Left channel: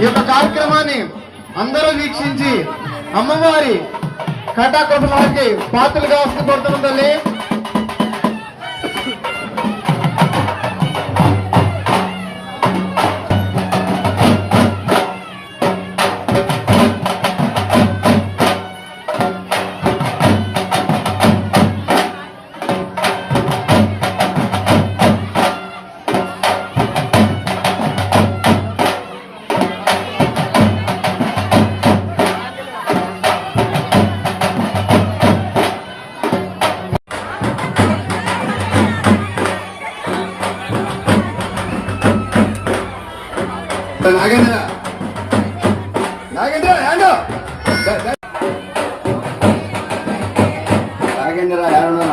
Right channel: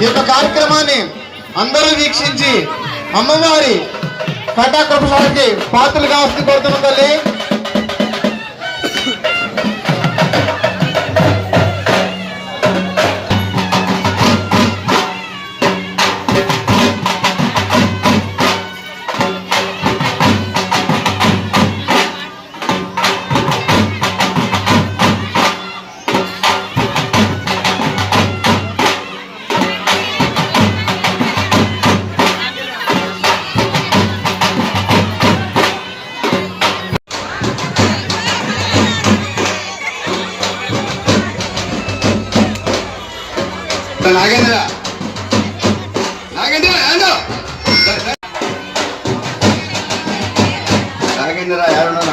ఈ యొక్క కార్యక్రమాన్ని అందరూ వీక్షించి అమ్మవారి కటాక్షానికి పాత్రలు కావాల్సి కోరుతున్నాం తల్లి. నాగేంద్ర నాగేంద్ర నాగేంద్ర ఎవరు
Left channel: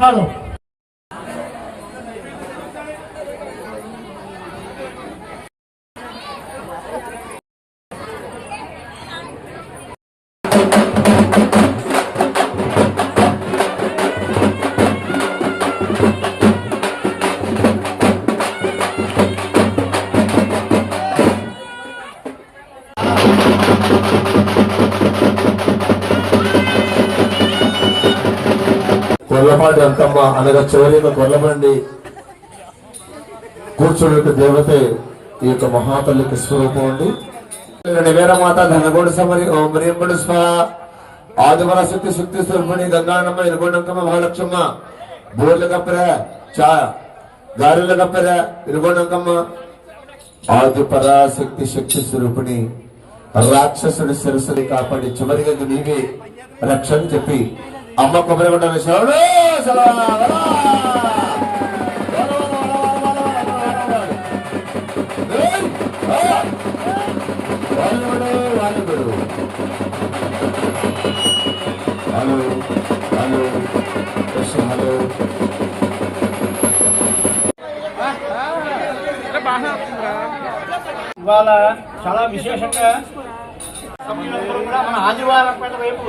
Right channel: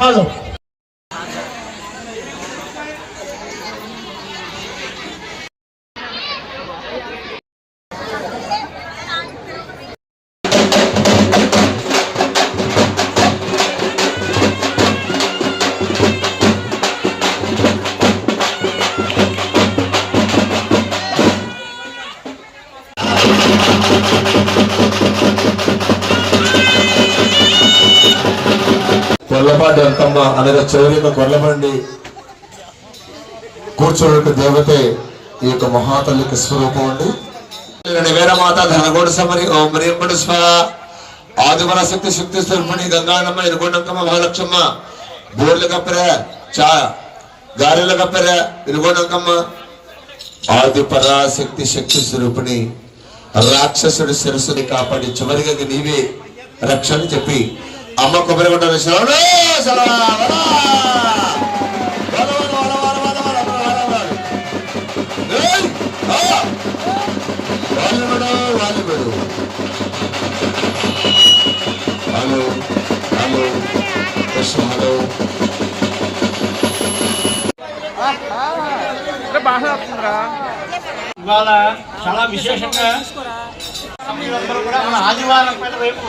హలో కొల్లపాటి అంతమ్మ అనగా చివరి కొల్లబండి కూర్చోడానికి దేవతే ఈ యొక్క మహాతల్లికి స్వరూపం అండి. వేరమాత ధనగోడు సమరి ఓం మ్రీంబడు స్వ ఆదివర శక్తి శక్తి స్వరూపిణి గంగానమ్మ ఇరుగొండంకమ్మ మహాలక్ష్మమ్మ బోర్ల కప్పెర చా గారెల కప్పెర ఇరుగొండంకమ్మ ఆది పరాశక్తి శక్తి స్వరూపిణి రాక్షసుడి శిరస్సుని కాపాడి చివరిగా నీవే రక్షణ చెప్పి అమ్మ కొబ్బరి కొట్టాలి. హలో హలో హలో ఇవాళ చాలా విశేషంగా మన ఆదివారం పైన వైపు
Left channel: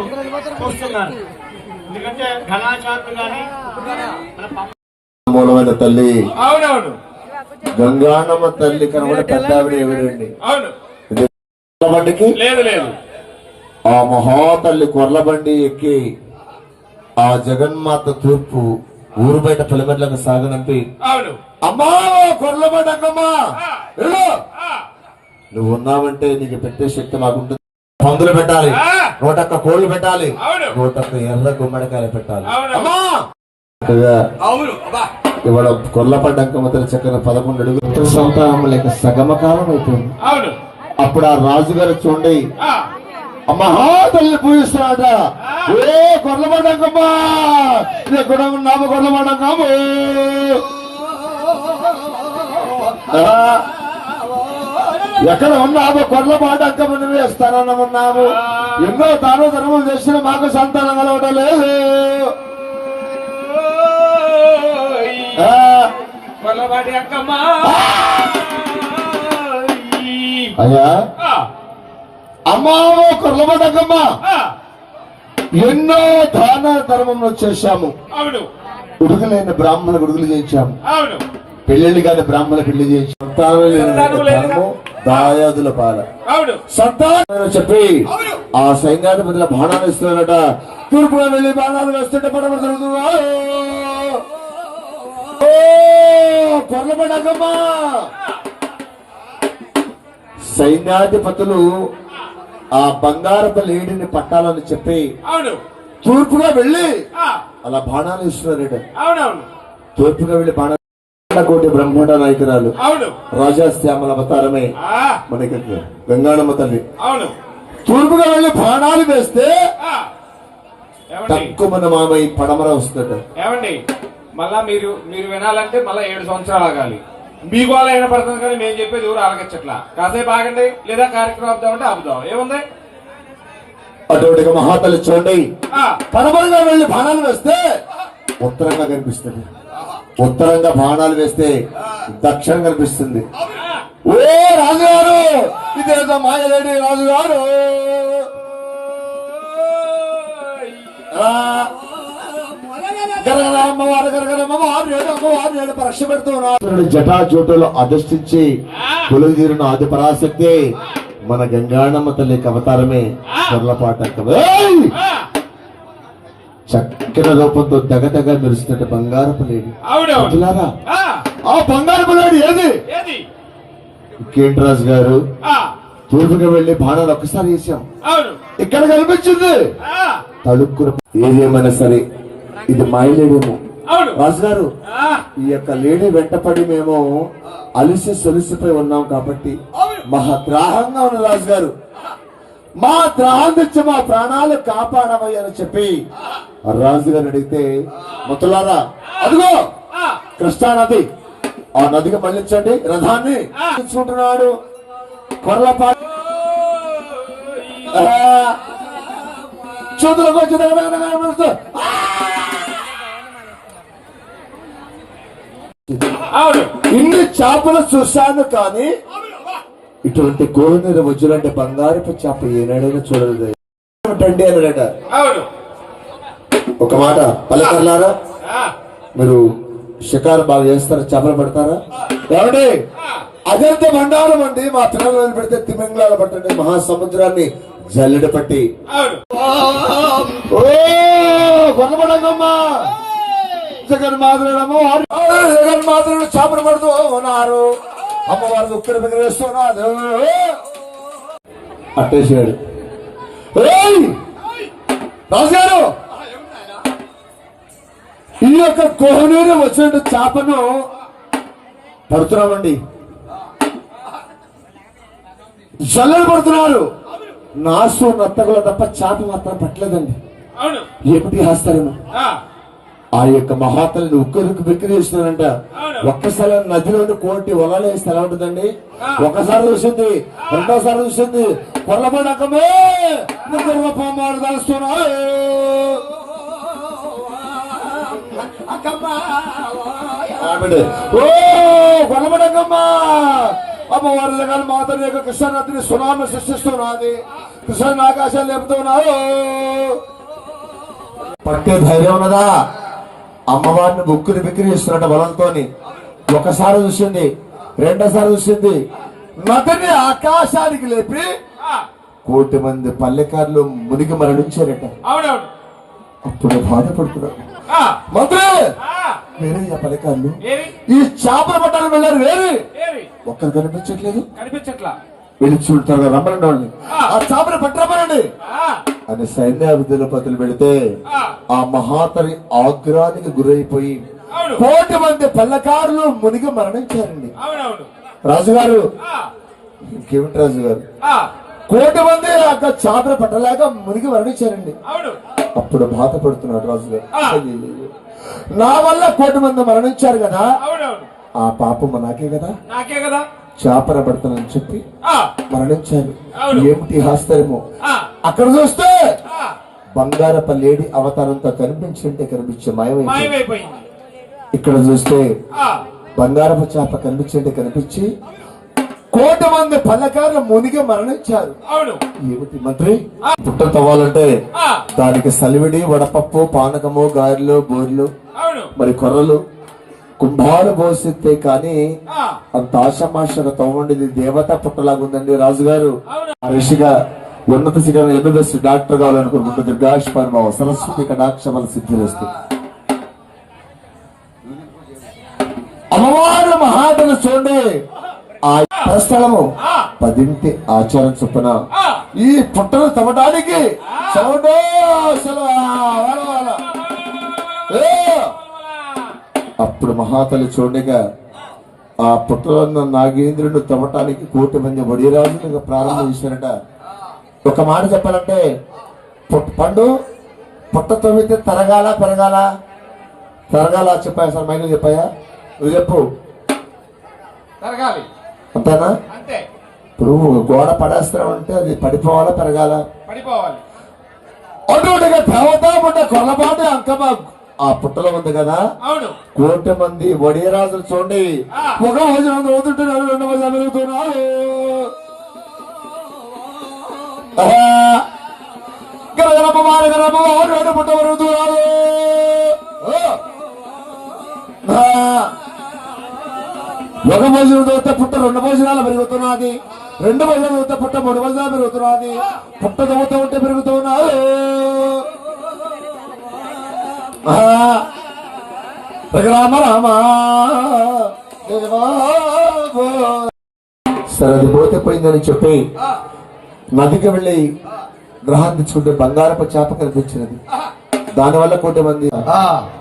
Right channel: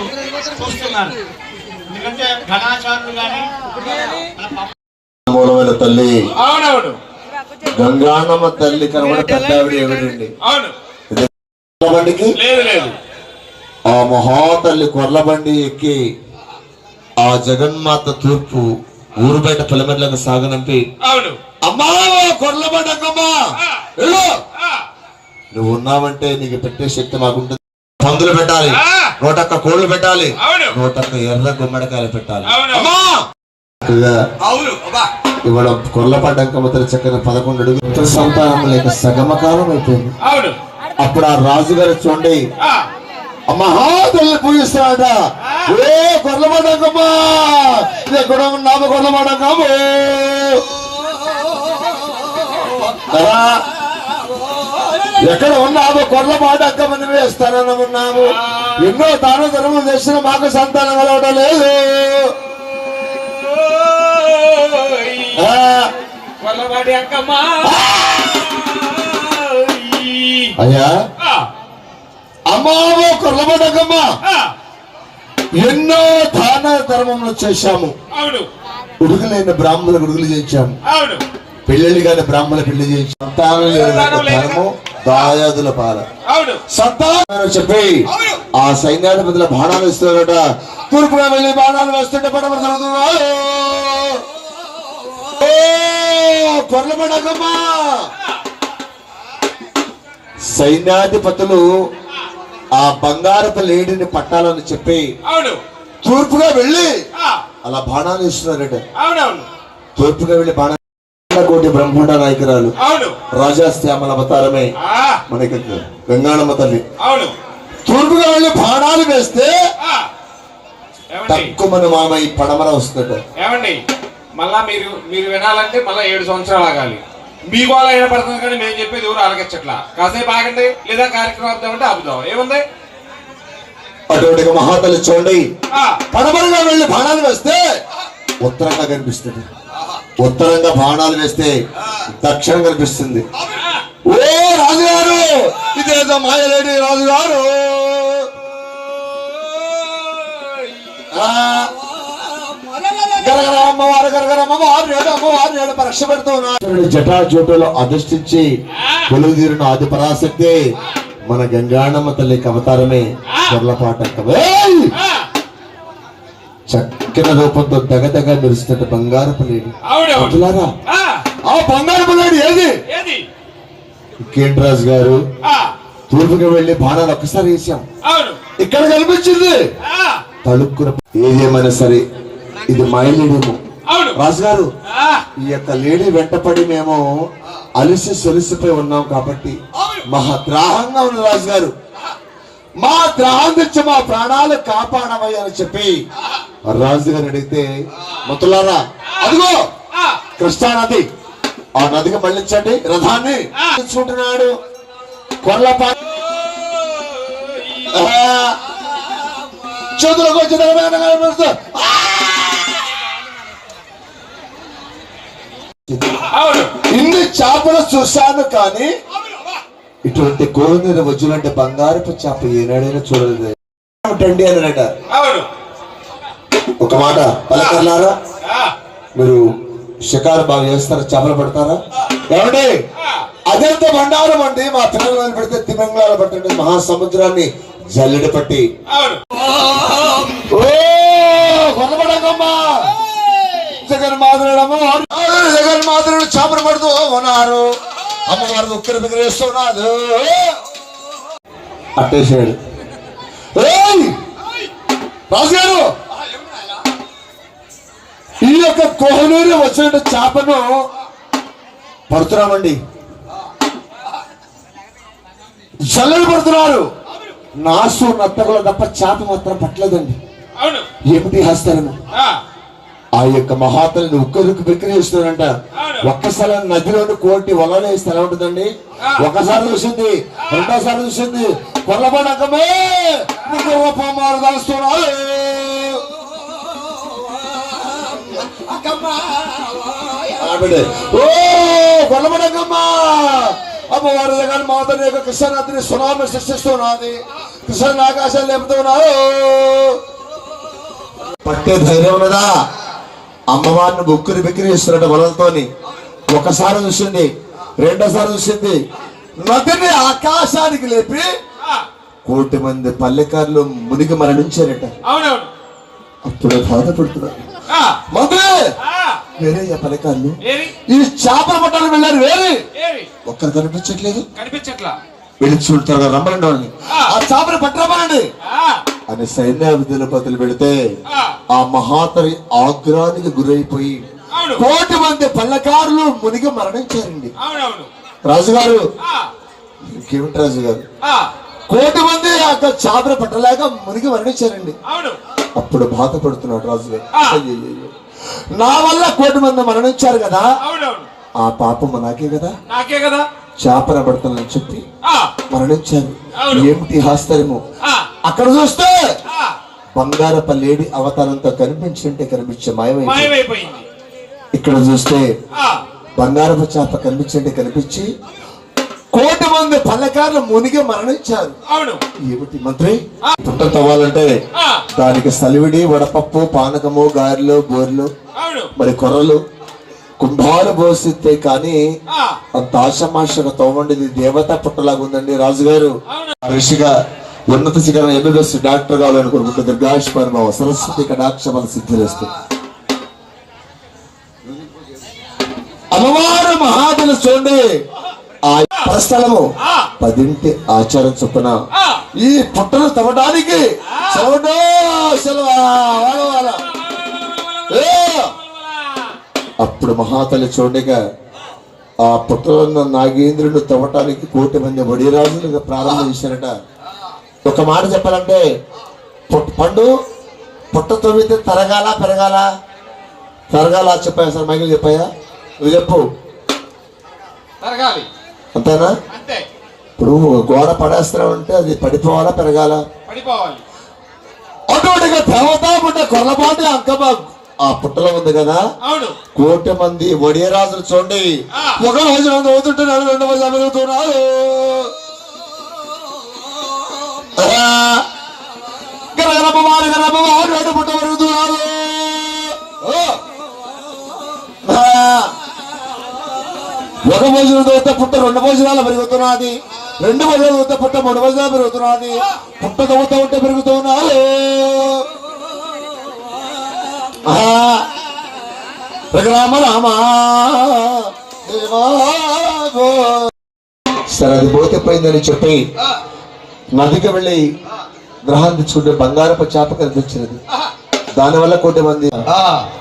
చూస్తున్నారు. ఎందుకంటే ఘనాచారులు కానీ మూలమైన తల్లి అవునవును గంగానమ్మ తల్లి కనబడి పెద్దావిడ ఎవరండి? బండికి లేదు లేదు ఆ మహాతల్లి కొర్లబండి ఎక్కి ఆ జగన్మాత తూర్పు ఊరు బయట పిల్లమెట్లకు సాగనంపి అమ్మా కొర్లబండి అక్కమ్మా నువ్వు ఉన్నావంటే నీకు పెట్టే శక్తి మాకుంటుంది. పందులు పెట్టాలి, 101 కోళ్లు పెట్టాలి, 101 ఎర్ర గుమ్మడికాయలు పెట్టాలి. ఇవాళ కొర్లపాటి అంకమ్మతల చక్కని 11 అడుగుల సంతానం లేక సగమకాలం అయిపోయింది. అప్పుడు ఆ రాజుగారు చూడండి మహాతల్లి పూజిస్తున్నాడ. ఏ కొర్లపాటి అంకమ్మ ఎక్కడ ఉన్నాము? కొర్లపాటి అంకమ్మ ఎక్కడ ఉన్నాము? కొర్లపాటి అంకమ్మని వేస్తానని ఉన్నాము. ఎన్నో దాన ధర్మం చేసిన మాకు సంతానం కలవడం లేదు. అయ్యా అమ్మావో కొర్లపాటి అంకమ్మ ఎన్నో దాన ధర్మం చేశాము. ఉడుకులైన బ్రాహ్మణ గుడుగులు చేయించాము. పెళ్ళిళ్ళు కాని బ్రాహ్మణ పెళ్లి చేయించాము. సంతానం దాయాదుల పాల సంతానం చెప్పి ఆ సైన్యాధిపతుల బాణాలు ఇస్తున్నారట. తూర్పుగా వెళ్ళి బాణాలు వేస్తుంటే పడవ కలుగుతుందా? కొర్లపాటి అంకమ్మ సైన్యాధిపతులు ఆ బంగారపు లేడిని పట్టాలని చెప్పి తూర్పుగా వెళ్ళి అలా బాణాలు ఇస్తున్నారట. తూర్పుగా వెళ్ళి బాణాలు కోటి బ్రహ్మాండ నాయకురాలు రాజా శ్యామల అవతారమే మనకి గంగానమ్మ తల్లి. తూర్పుగా వెళ్ళి బాణాలు వేస్తే ఆ, ఏమండి తక్కువ మన మామయ్య పడమర వస్తాడు. ఏమండి మళ్ళా మీరు మీరు వినాలంటే మళ్ళా 7 సంవత్సరాలు ఆగాలి. మీకు వాళ్ళ ఏడపడుతుంది కానీ మేము చెప్పేది ఎవరు ఆలకించట్లా. కాసేపు ఆగండి, లేదా కార్యక్రమం ఆపుదామంటే ఆపుదాం. ఏముంది? అటువంటి మహాతల్లి చూడండి, ఆ, పడమరగా వెళ్ళి బాణాలు వేస్తే ఉత్తరంగా కనిపిస్తుంది, ఉత్తరంగా బాణాలు వేస్తే దక్షిణం కనిపిస్తుంది. ఓ రాజుగారు, ఇదేదో మాయలేడి రాజుగారు, అమ్మవారు పరీక్ష పెడుతున్నారు. జటాజోటులో అధిష్ఠించి కొలువుదీరిన ఆది పరాశక్తి మన గంగాణమ్మ తల్లి అవతారమే చొర్లపాట. చక్కని రూపంతో దగదగ మెరుస్తున్న బంగారపు లేడి. అటులారా, ఆ బంగారపు లేడి ఏది? కేంద్రరాజు గారు తూర్పుకి వెళ్లి బాణాలు ఒక్కసారి వేసాం, ఇక్కడ కనిపించింది తలుక్కున. ఏదేమైనా సరే ఇది మాయలేడేమో రాజుగారు. ఈ యొక్క లేడీ వెంటపడి మేము అలిసి సొలిసిపోయి ఉన్నాం కాబట్టి మహా త్రాహంగా ఉన్న రాజుగారు, మా త్రాహం తెచ్చి మా ప్రాణాలు కాపాడమయ్య అని చెప్పి రాజుగారు అడిగితే, మతులారా అదిగో కృష్ణానది, ఆ నదికి మళ్ళించండి రథాన్ని చూంటున్నాడు. కొర్లపా చేతులకు ఇన్ని చేపలు చూశాను కానీ ఇటువంటి కోనేరు వజ్జులంటే బంగారపు చేప ఏనాడైనా చూడలేదు అండి అన్నాడట. ఒక మాట పలకర్లారా, మీరు షికారు బాగా చేస్తారా, చేపలు పడతారా? ఏమండి అదంత బండారం అండి. మా పిల్లలు పెడితే తిమంగళాలు పట్టండి, మహాసముద్రాన్ని జల్లెడ పట్టి. ఓ కొనబడమ్మా, జగన్మాతృడు అమ్మవారు, జగన్మాతృడు చేపలు పడుతూ ఉన్నారు. అమ్మవారు ఉక్కిరి బిక్కిరి వేస్తున్నారు. అట్టేసాడు. రాజుగారు, ఈ యొక్క కోహనూరు వచ్చిన చేపను పడుతున్నామండి, జల్లెలు పడుతున్నారు. నాసు నత్తగుల తప్ప చేప మాత్రం పట్టలేదండి. ఏమిటి హస్తాలను ఆ యొక్క మహాతల్ని ఉక్కరికి బిక్కిరి చేస్తున్నారంట. ఒక్కసారి నదిలోని కోటి వలలు వేస్తే ఎలా ఉంటుందండి? ఒకసారి చూసింది, రెండోసారి చూసింది, కొల్లబడకమే పొమ్మలు కలుస్తున్నారు. ఓ కొల్లబడకమ్మా, అమ్మవారి దగ్గర మాతని యొక్క కృష్ణనదిని సునామీ సృష్టిస్తున్నది, కృష్ణ ఆకాశాలు లేపుతున్నారు. పట్టే ధైర్యం ఉన్నదా? అమ్మవారిని బుక్కుని బిక్కిరి చేస్తున్నట్ట వలలతోని. ఒకసారి చూసింది, రెండోసారి చూసింది, నదిని ఆకాశానికి లేపి కోటి మంది పల్లెకారులు మునిగి మరణించారట. అప్పుడు బాధపడుతున్నారు. మంత్రి వేరే పల్లెకారులు ఈ చేపల పట్టాలు వెళ్ళారు, వేరే ఒక్కరు కనిపించట్లేదు. వెళ్ళి చూడతారు, రమ్మనండి వాళ్ళని, ఆ చేపలు పెట్టరమ్మనండి అని సైన్యాధిపతులు పెడితే ఆ మహాతరి ఆగ్రహానికి గురైపోయి కోటి మంది పల్లెకారులు మునిగి మరణించారండి. రాజుగారు, ఇంకేమిటి రాజుగారు, కోటి మంది ఆ చేపలు పట్టలేక మునిగి మరణించారండి. అప్పుడు బాధపడుతున్నాడు రాజుగారు. నా వల్ల కోటి మంది మరణించారు కదా, ఆ పాపం నాకే కదా, చేపల పడతానని చెప్పి మరణించారు. ఏమిటి ఆశ్చర్యము! అక్కడ చూస్తే బంగారపు లేడి అవతారంతో కనిపించింటే కనిపించే మాయమైపోయింది. ఇక్కడ చూస్తే బంగారపు చేప కనిపించింటే కనిపించి కోటి మంది పల్లెకారులు మునిగి మరణించారు. ఏమిటి మంత్రి? పుట్ట తవ్వాలంటే దానికి సలివిడి, వడపప్పు, పానకము, గారెలు, బోర్లు, మరి కొర్రలు, కుంభాలు పోసితే కానీ అంత ఆశమాషగా తవ్వండి దేవత పుట్టలాగా ఉందండి. రాజుగారు ఋషిగా ఉన్నత శిఖరం ఎన్నుదస్సు డాక్టర్ కావాలనుకుంటే దీర్ఘాయుష్మాన్ బాబు సరస్వతి కటాక్షమల సిద్ధిరేస్తుంది. అమ్మవారు మహాబలి చూడండి, ఆ స్థలము 10 ఆచారం చొప్పున ఈ పుట్టను తవ్వడానికి అప్పుడు మహాతల్లి చూడగా ఆ పుట్టలను నాగేంద్రుడు తవ్వటానికి కోటి మంది వడిరాజులుగా ప్రారంభం చేశారట. ఒక మాట చెప్పాలంటే పండు పుట్ట తొమ్మిది తరగాల పెరగాల పెరగాల చెప్పాయా సార్ మైకిల్ చెప్పాయా నువ్వు చెప్పు పెరగాలి అంతేనా అంతే ఇప్పుడు గోడ పడేస్తున్నావు అంటే అది పడిపోవాలా పెరగాల పడిపోవాలి అటుగా దేవతా పుట్ట కొల్లపాటి అంకమ్మ ఆ పుట్టలో ఉంది కదా అవును 1,000,000 మంది ఒడియరాజులు చూడండి ఒక రోజు మంది అవుతుంటున్నారు 2 రోజులు పెరుగుతున్నారు గరగరమ్మ పుట్ట పెరుగుతున్నారు ఒక భోజనం వస్తే పుట్ట 2 భోజనాలు పెరుగుతున్నది 2 భోజనాలు వస్తే పుట్ట 3 భోజనాలు పెరుగుతున్నది పుట్ట తవ్వుతూ ఉంటే పెరుగుతున్నాడు రామ రామ సరే అది పోతే పోయిందని చెప్పి నదికి వెళ్ళి గ్రహాన్ని తెచ్చుకుంటే బంగారపు చేప కనిపించినది దానివల్ల 1,000,000 మంది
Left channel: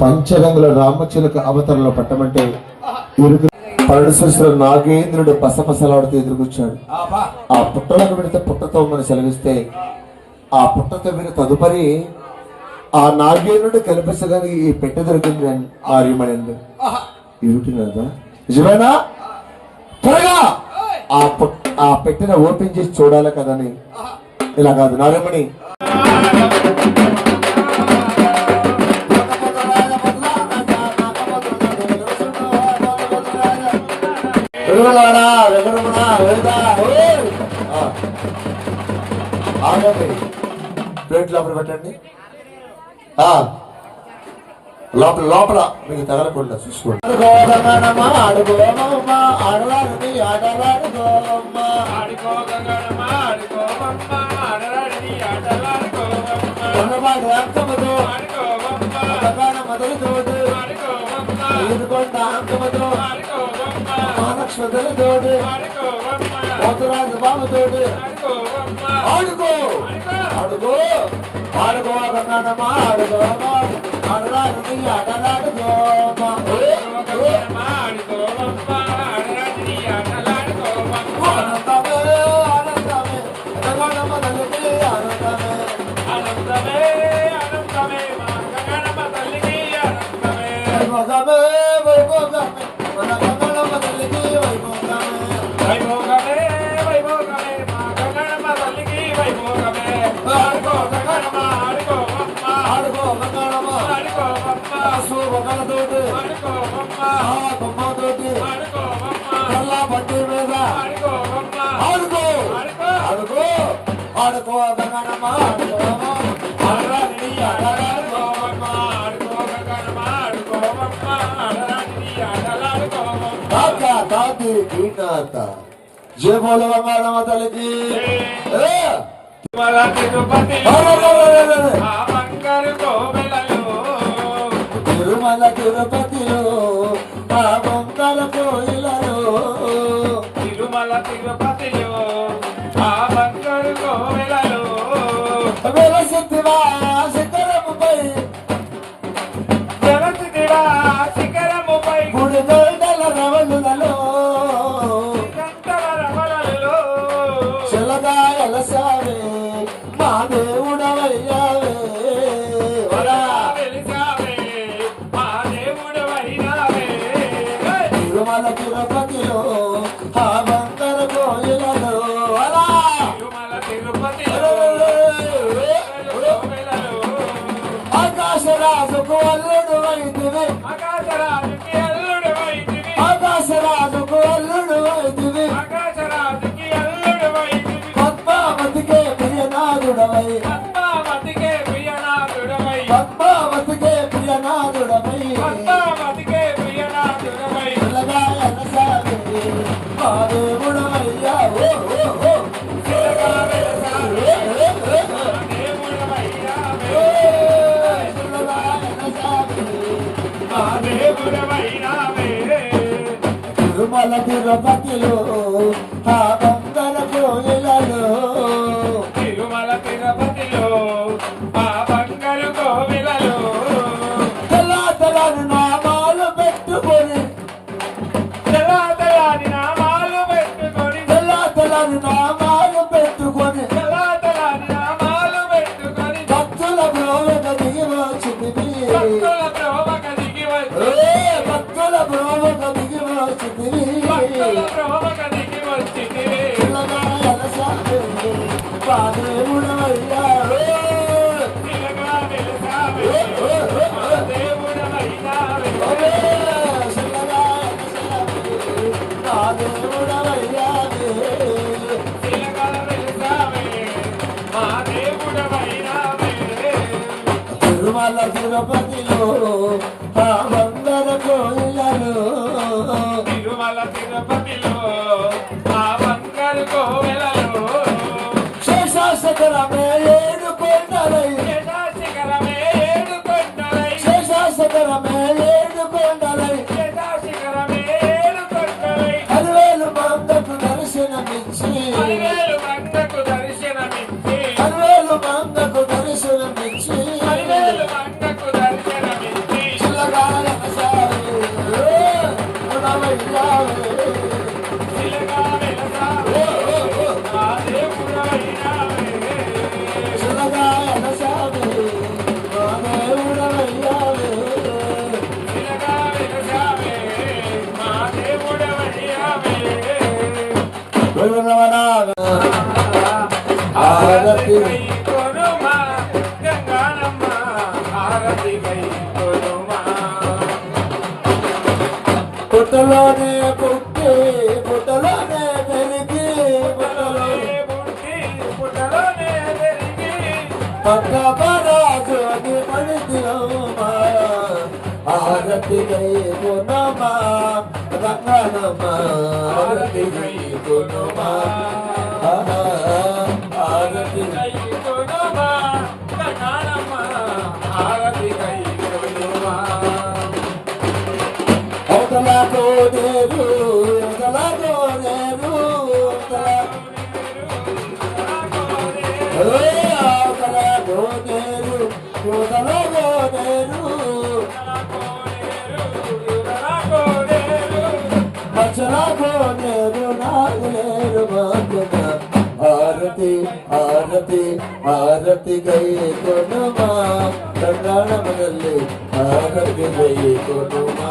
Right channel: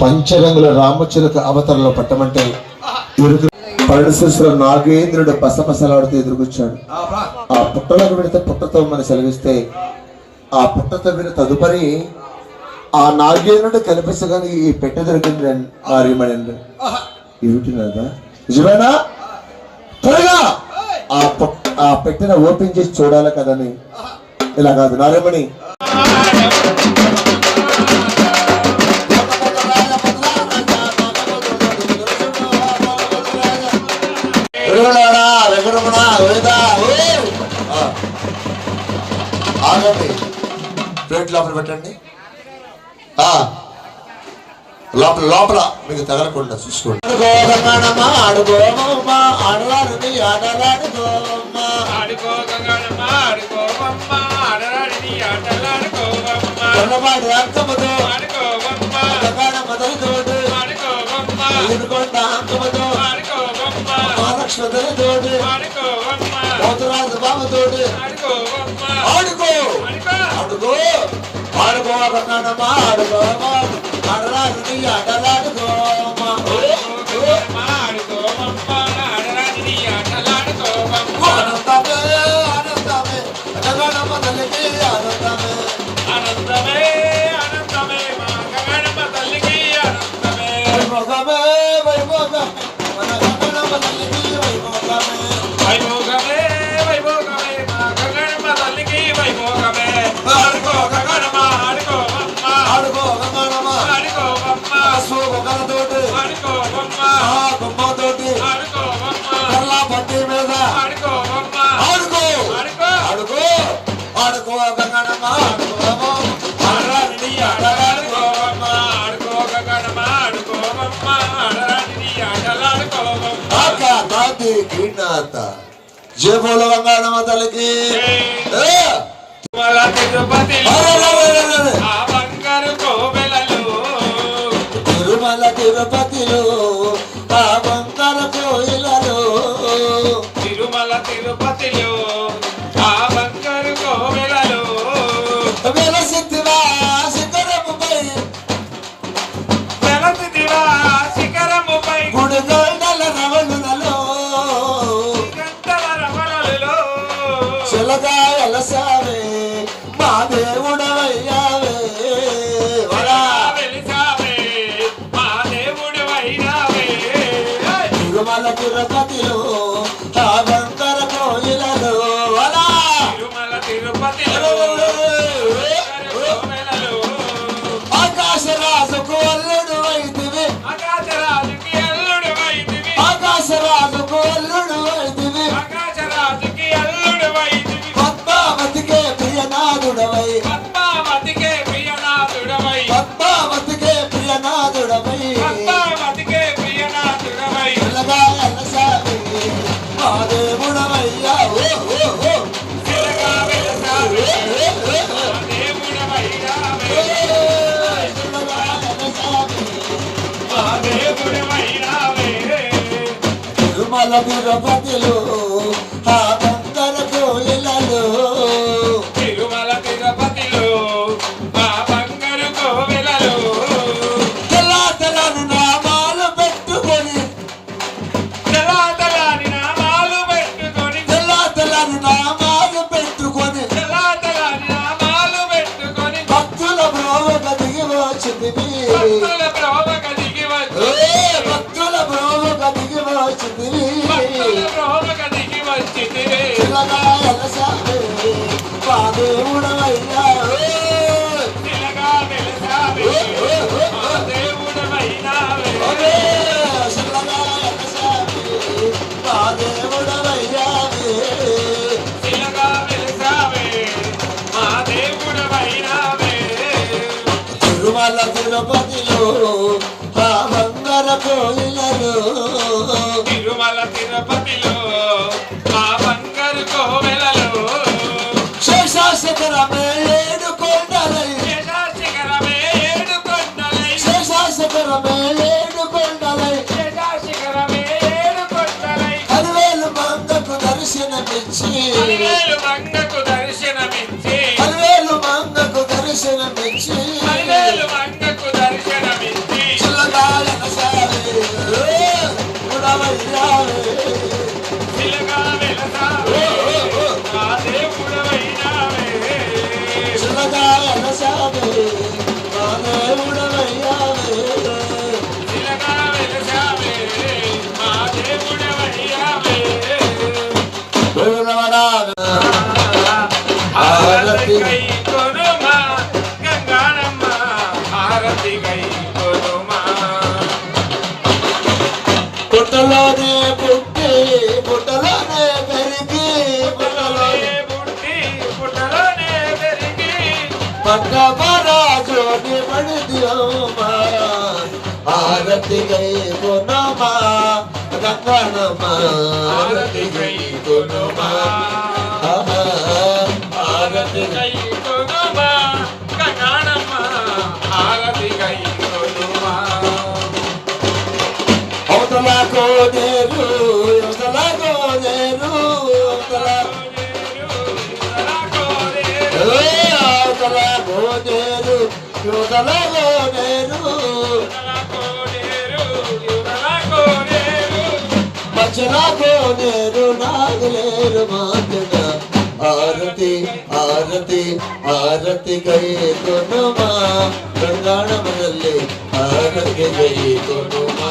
పంచరంగుల రామచిలుక అవతరణలో పట్టమంటే పరమేశ్వర నాగేంద్రుడు పసపసలాడుతూ ఎదురుకొచ్చాడు ఆ పుట్టలోకి పెడితే పుట్టతో మనం సెలవిస్తే ఆ పుట్టతో మీరు తదుపరి ఆ నాగేంద్రుడు కనిపించగానే ఈ పెట్టె దొరికింది ఆర్యమణి ఇరుటినదా నిజమేనా త్వరగా ఆ పెట్టెన ఓపెన్ చేసి చూడాలి కదని ఇలా కాదు నారాయణమణి ప్లేట్ లోపల పెట్టండి లోపల లోపల మీకు తగలకుండా చూసుకోండి పోతురాజు బాబుతోడు ఆడుకో ఆడుకో ఆడుకో కన్నాడమ్మా ఆడుకో ఆడరాజు నీ ఆటలాడుకోమా ఆనందమే ఆనందమే గగనమ్మ తల్లికి ఆనందమే ఆనందమే ఆనందమే మా గగనమ్మ తల్లికి ఆనందమే వైభోగమే వైభోగమే గగనమ్మ తల్లికి వైభోగమే వైభోగమే వైభోగమే మా గగనమ్మ తల్లికి వైభోగమే ఆడుకో గగనమ్మ ఆడుకో అమ్మ ఆడుకో గగనమ్మ ఆడుకో అమ్మ సోగలతోటి ఆడుకో అమ్మ బొమ్మతోటి ఆడుకో అమ్మ కర్లా పట్టి మీద ఆడుకో అమ్మ ఆడుకో ఆడుకో ఆడుకో ఆడుకో గగనమ్మ ఆడుకో అమ్మ ఆడరాని ఆడలాడుకో అమ్మ ఆడుకో గగనమ్మ ఆడుకో అమ్మ ఆడరాని ఆడలాడుకో అమ్మ తాతి గిన్నత జయ బోల గంగానమ్మ తల్లికి తిరుమల తిరుపతిలో ఆ బంగార కోయిలలో తిరుమల తిరుపతిలో ఆ బంగారు కోవెలలో వెలసితివా శిఖరముపై వెలసితివా శిఖరముపై గుడి గంటల రవణులలో చిలగా ఎలసావే మా దేవుడవయ్యావే తిరుమల తిరుపతిలో ఆ బంగార కోయిలలో తిరుమల తిరుపతిలో ఆకాశరాజుకు అల్లుడు వైదివి ఆకాశరాజుకి అల్లుడు వైదివి ఆకాశరాజుకు అల్లుడు వైదివి ఆకాశరాజుకి అల్లుడు వైదివి పద్మావతికే ప్రియనాథుడవై పద్మావతికే ప్రియనాథుడవై పద్మావతికే ప్రియనాథుడవై పద్మావతికే ప్రియనాథుడవై పిల్లగా ఎలసావే మా దేవుడవయ్యా ఓ ఓ ఓ పిల్లగా ఎలసావే మా దేవుడవయ్యా పిల్లగా ఎలసావే మా దేవుడవయ్యా తిరుమల తిరుపతిలో ఆ బంగార కోయిలలో తిరుమల తిరుపతిలో ఆ బంగారు కోవెలలో తెల్లాతలాని నామాలు పెట్టుకొని తెల్లాతలాని నామాలు పెట్టుకొని తెల్లాతలాని నామాలు పెట్టుకొని తెల్లాతలాని తిరుపతిలో ఆ బంగార కోయిలలో తిరుమల తిరుపతిలో ఆ బంగారు కోవెలలో శేషాశకరమే ఏడు కొండలై శేషాశిఖరమే ఏడు కొండలై శేషాశకరమే ఏడు కొండలై శేషాశిఖరమే ఏడు కొండలై 10,000 మందకు దర్శనమిచ్చి 10,000 మంగకు దర్శనమిచ్చి 10,000 మందకు దర్శనమిచ్చి 10,000 మంగకు దర్శనమిచ్చి చిల్లగాయన సావే ఉడవయ్యావే చిలగా వెలసావే ఆ దేవుడవైనావే చిల్లగాయన సావే నా దేవుడవయ్యావే చిలగా వెలసావే మా దేవుడవైనావే ఆరతి గై కొనుమా గంగానమ్మ ఆరతి గై కొనుమా పుట్టలోనే పుట్టి పుట్టలోనే పెరిగి పుట్టలోనే పుట్టి పుట్టలోనే పెరిగి పక్కపరాజోని పడిది ఆరతి గై కొనమా గంగనమ్మ ఆరతి గై కొనమా ఆరతి గై కొనుమా గంగానమ్మ ఆరతి గై కొనుమా అవతల కోనేరు అవతల కోనేరు అవతల అవతల కోనేరు అవతల కోనేరు మచ్చల కోనేరు నాగలేరు మాతన ఆరతి ఆరతి ఆరతి గై కొనుమా గంగాణమನಲ್ಲಿ ఆరతి గై కొనుమా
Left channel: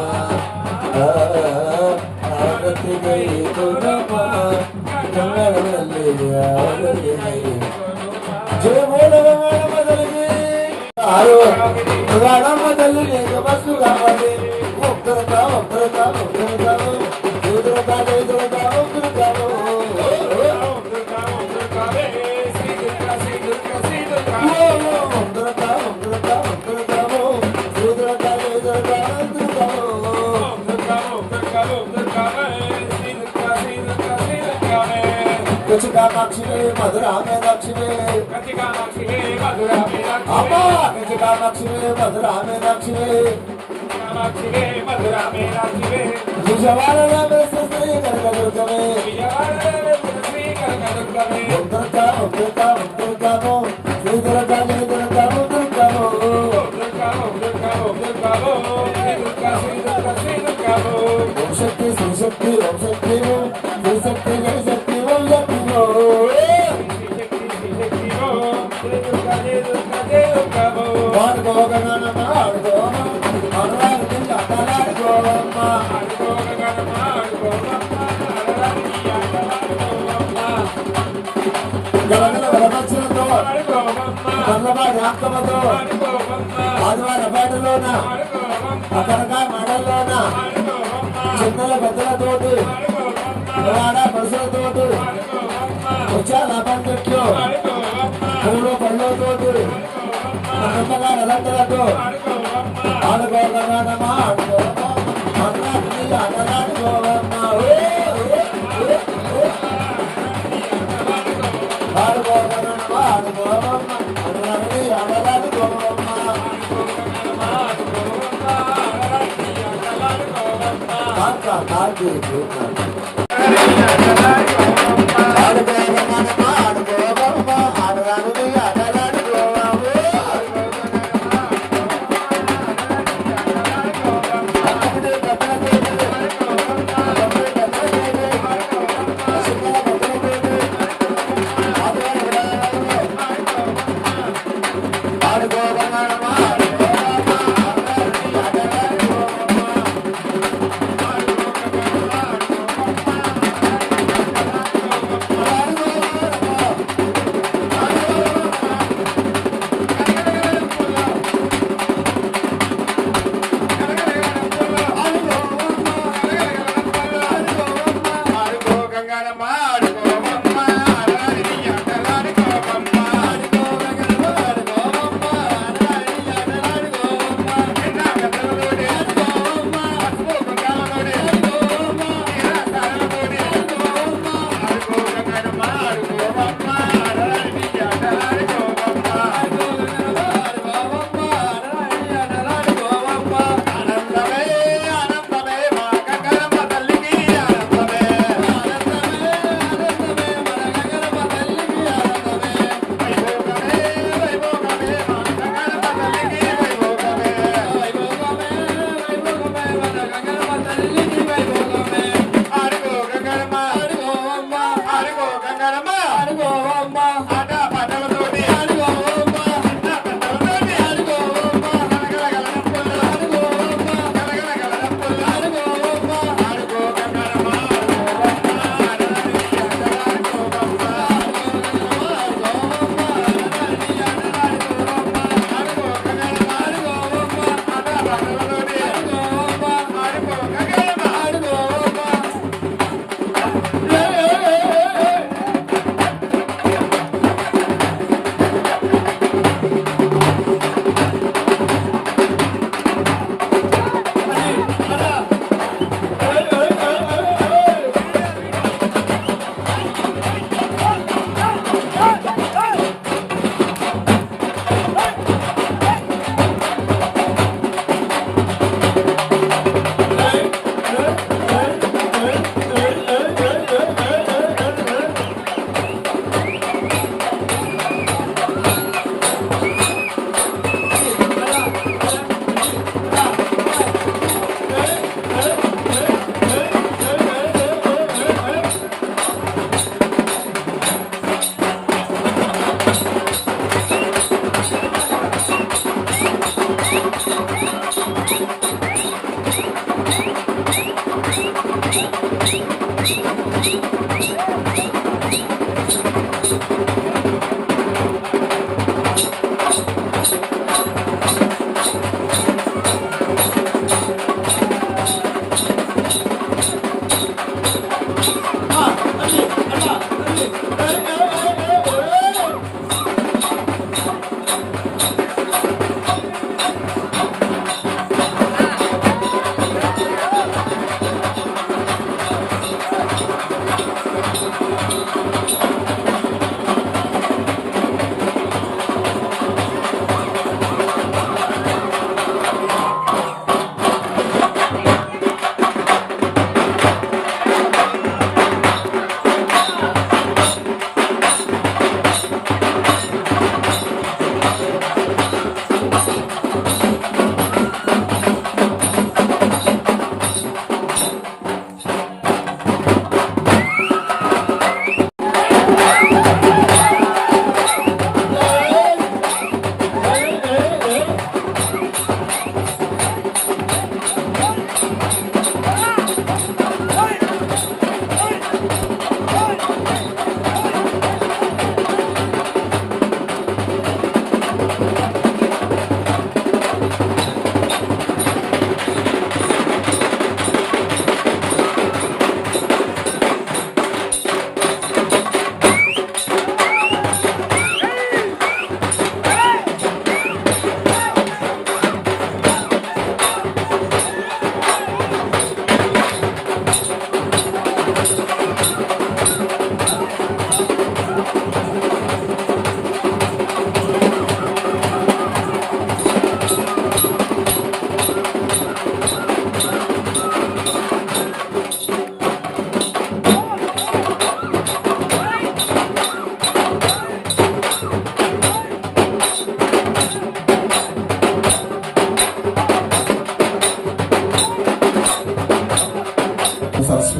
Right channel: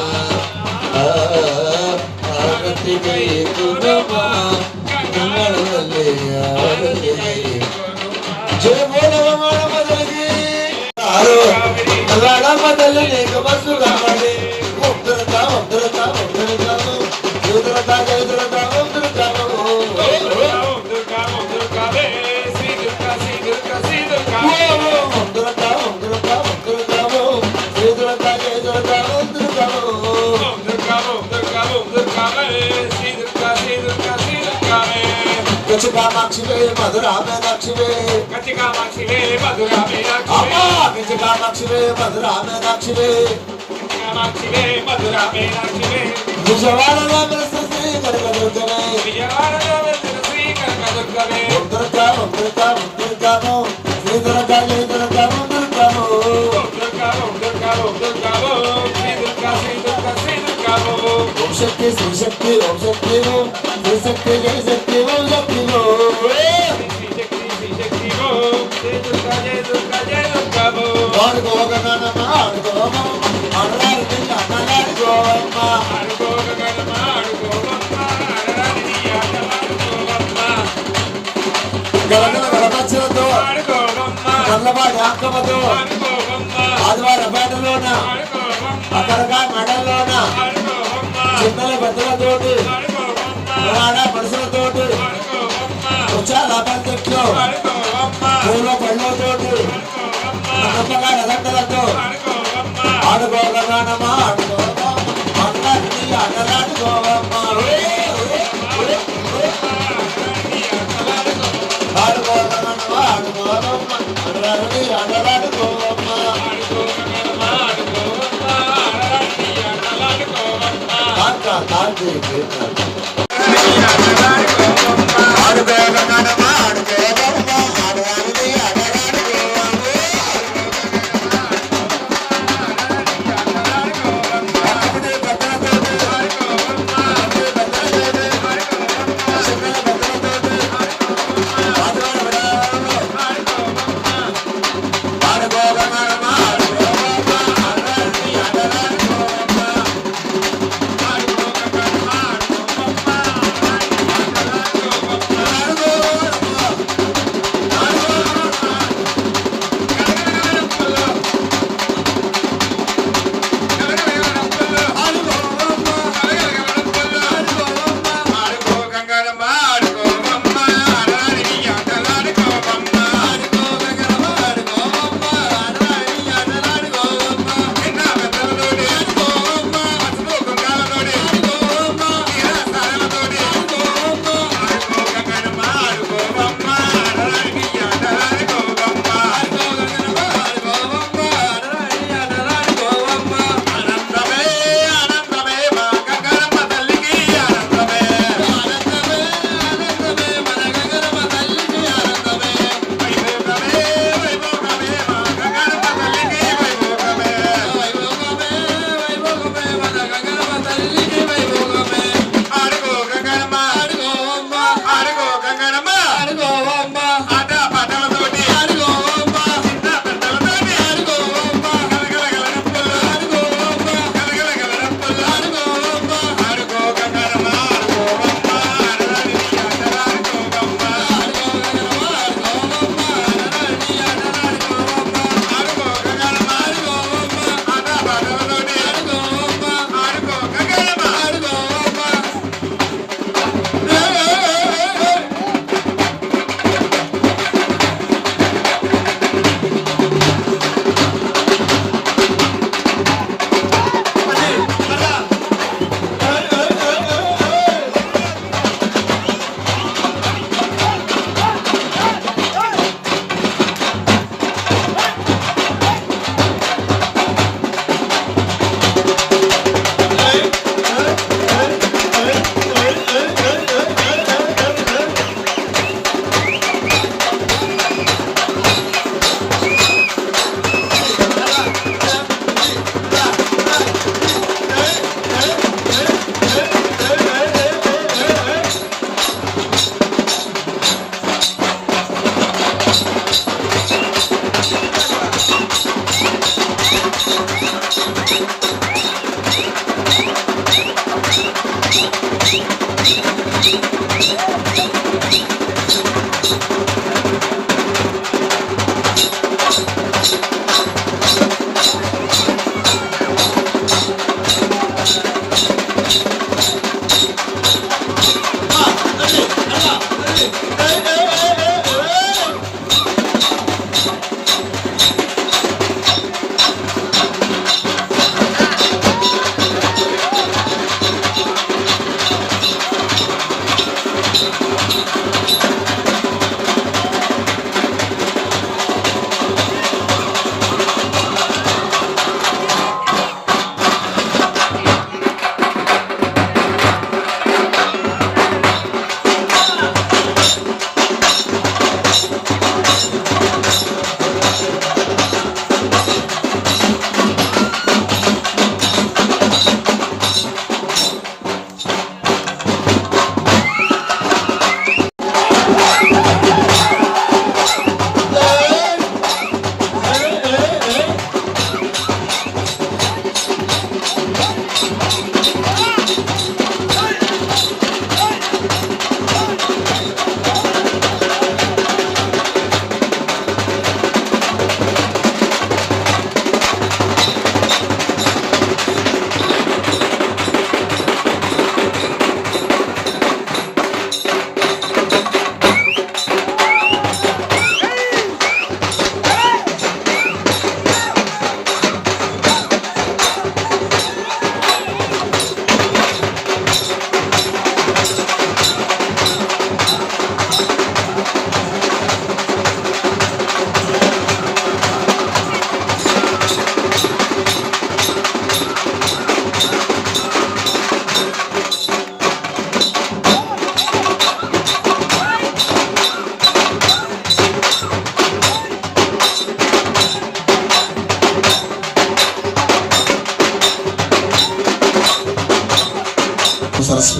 ಆರತಿ ಗೈ ಕೊನುಮಾ ಗಂಗಾಣಮನಲ್ಲಿ ಆರತಿ ಗೈ ಜಯ ಬೋಲವಮಾಣ ಮೊದಲಿಗೆ ಆರೋ ಗಂಗಾಣಮದಲ್ಲಿ ಬಸ್ಸು ಕಾವಡಿ ಒಬ್ಬರತ ಒಬ್ಬರತ ಒಬ್ಬರತ ಯುದ್ರತ ಯುದ್ರತ ಒಬ್ಬರತ ಒಬ್ಬರತ ಒಬ್ಬರತ ಒಬ್ಬರತ ಯುದ್ರತ ಯುದ್ರತ కామాక్షివే మధురామే లక్ష్మివే కామాక్షివే మధురామే అమ్మా కామాక్షివే మధురామే లక్ష్మివే కామాక్షివే మధురామే లక్ష్మివే విజయవాడలో శ్రీ కనకదుర్గమే విజయవాడలో శ్రీ కనకదుర్గమే ఉత్తరక ఉత్తరక ఉత్తరకము శ్రీ దుర్గా జయ దుర్గా దుర్గము ఓం శక్తి శ్రీ శక్తి ఓం శక్తి శ్రీ శక్తి జయ శక్తి ఓం శక్తి ఆడుకోగనమ్మ ఆడుకోమ ఆడరాని ఆటలాడుకోమ్మ గలగల గడపచ్చలతో నల్లబాడి ఆక్కమతో ఆదివార పేటలోన అక్కడగా మెడల్లోన చిన్నల పెద్దలతోటి పురాణ మనుషులతోటి ఉచ్చాల పంచెట్లు పూల పళ్ళతోటి నమ్మగా రదండలతో ఆడుకోగలనమ్మా ఆడుకోవమ్మా ఆటలాడి ఆటలాడుకోవమ్మా ఆడుకోగలనమ్మా ఆడుకోవమ్మా ఆటలాడి ఆటలాడుకోవమ్మా తాటి ఆడుకోగలనమ్మా ఆడుకోవమ్మా ఆటలాడి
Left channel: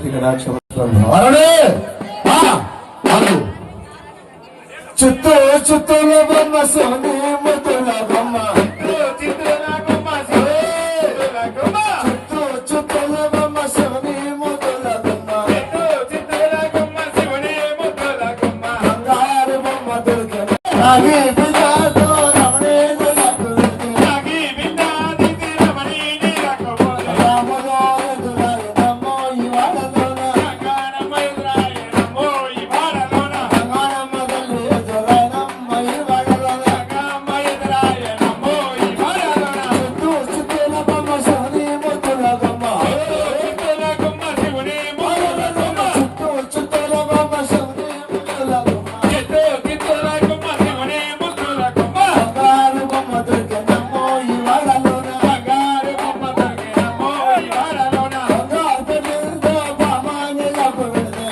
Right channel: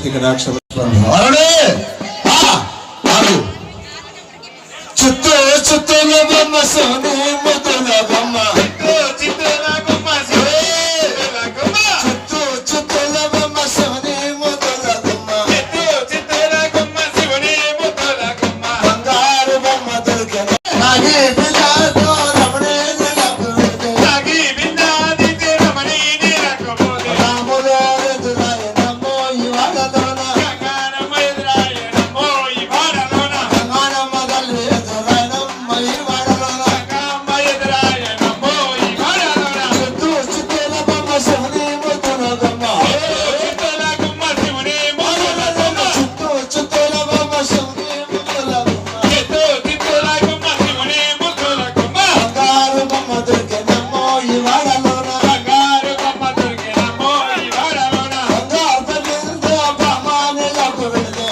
భక్తికి నాక్షరం చుట్టూ చుట్టూల బొమ్మ సోని ముద్దుల బొమ్మ చుట్టూ చుట్టూల బొమ్మ శివుని ముద్దుల బొమ్మ బంగారు బొమ్మ దొరికిన నాగి బిల్లాతో రమణే నిలబడుతూ రాములో ఎదురాయ నమో ఇవాళలోన గంగానమ్మ తల్లి ఎదురాయ నమ్మ ఇవాళలోన చుట్టూ చుట్టూల బొమ్మ శివుని ముద్దుల బొమ్మ చుట్టూ చుట్టూల బొమ్మ శివుని ముద్దుల బొమ్మ బంగారు బొమ్మ దొరికినమ్మో ఇవాళలోన బంగారు బిందెతో బామానిలకు వెళితే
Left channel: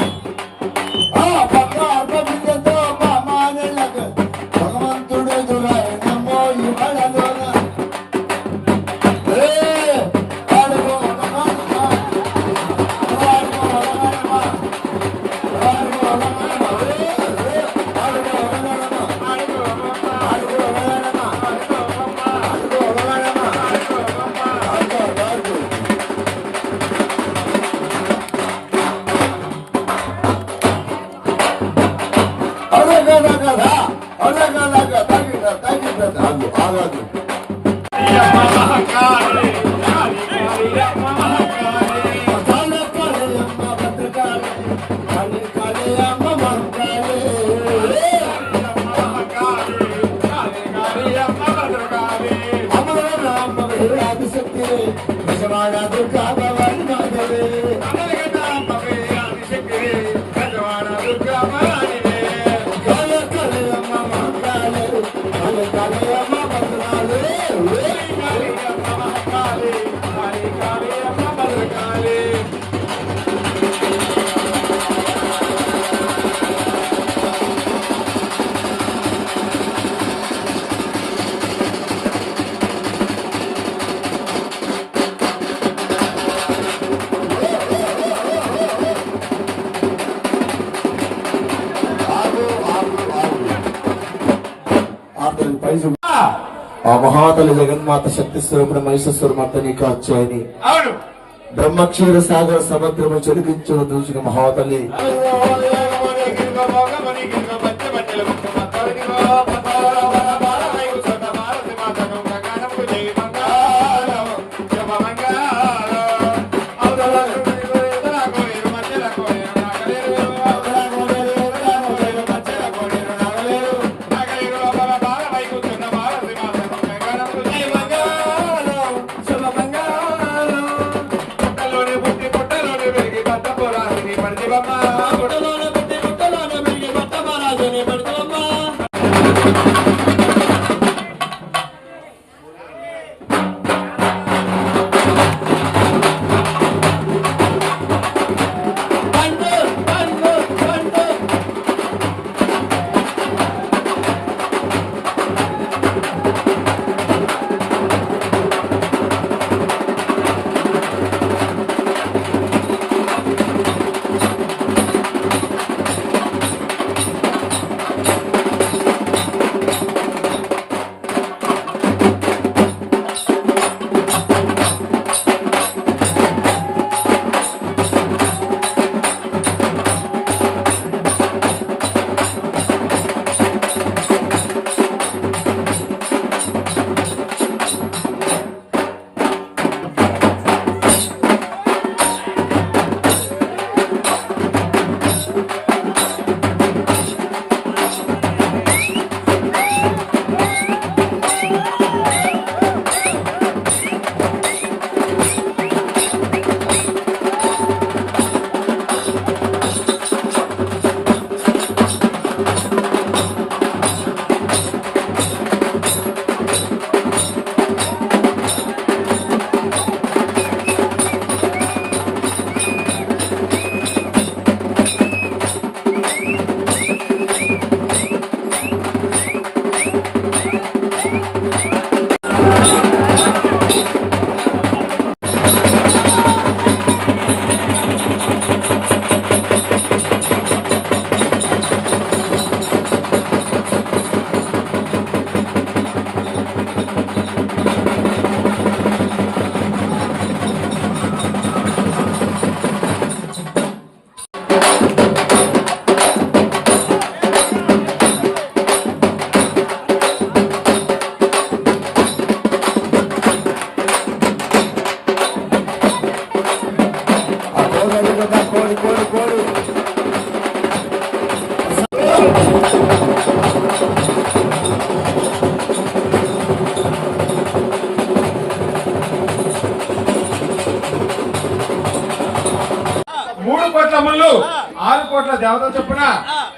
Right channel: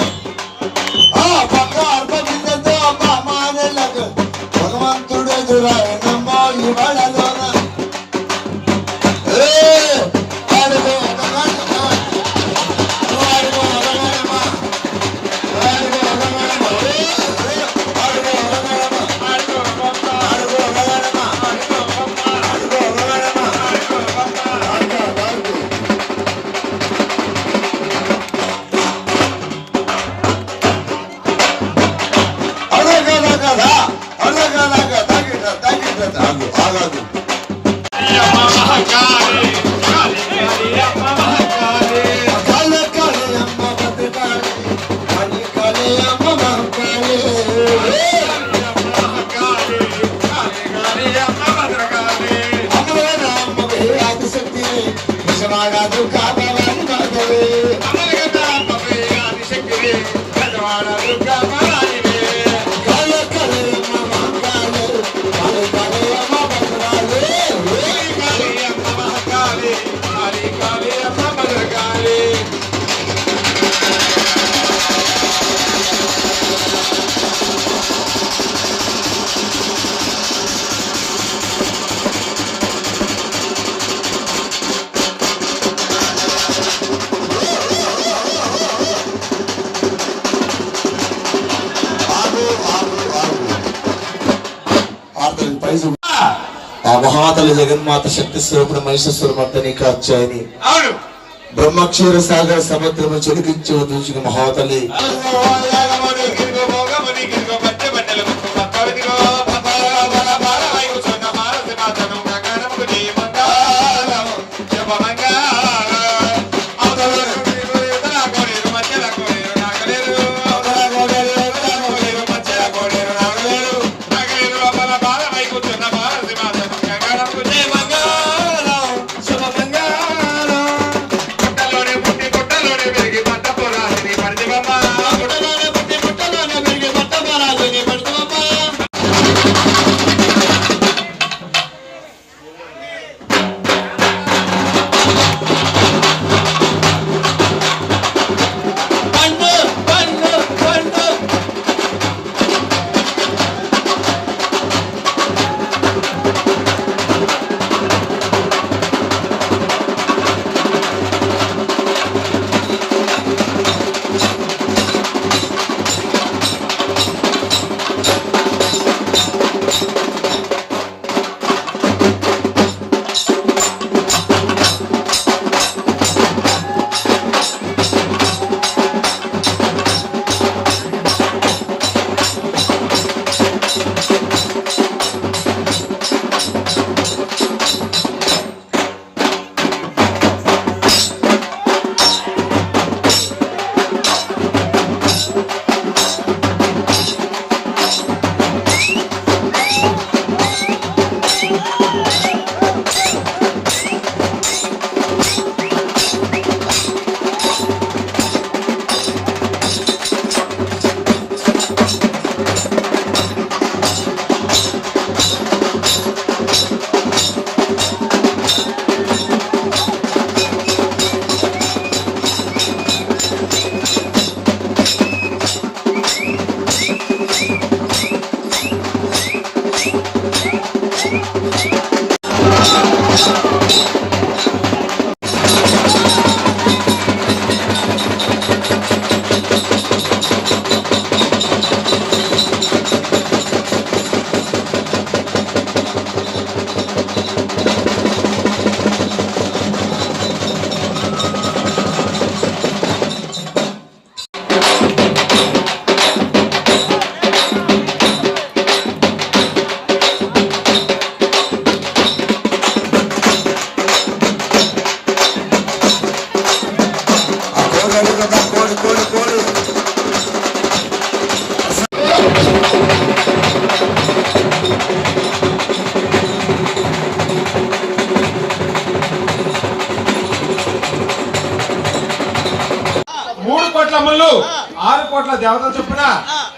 బంగారు బిందెతో బామానిలకు భగవంతుడు ఎదురాయనమ్మో ఇవాళలోన అడుగు అడగనమ్మా అడుగు అడగనమ్మా అడుగు అడగనమ్మా అడుగు అడగనమ్మా అడుగు అడగనమ్మా ఆ మహాతల్లి జగన్మాత శక్తి స్వరూపుడు మహిషస్వరూపని కాచాయని బ్రహ్మక్షీర సాగర సముద్రము చెలికించే దూషిక మహాతల్లి పుట్టి పుట్టలోనే పెరిగి పట్ట పోరాని పడితే బొమ్మ కోట్ల దేవతల చొప్పున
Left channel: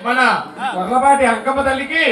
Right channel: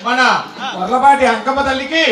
మన కొర్లపాటి అంకమ్మ తల్లికి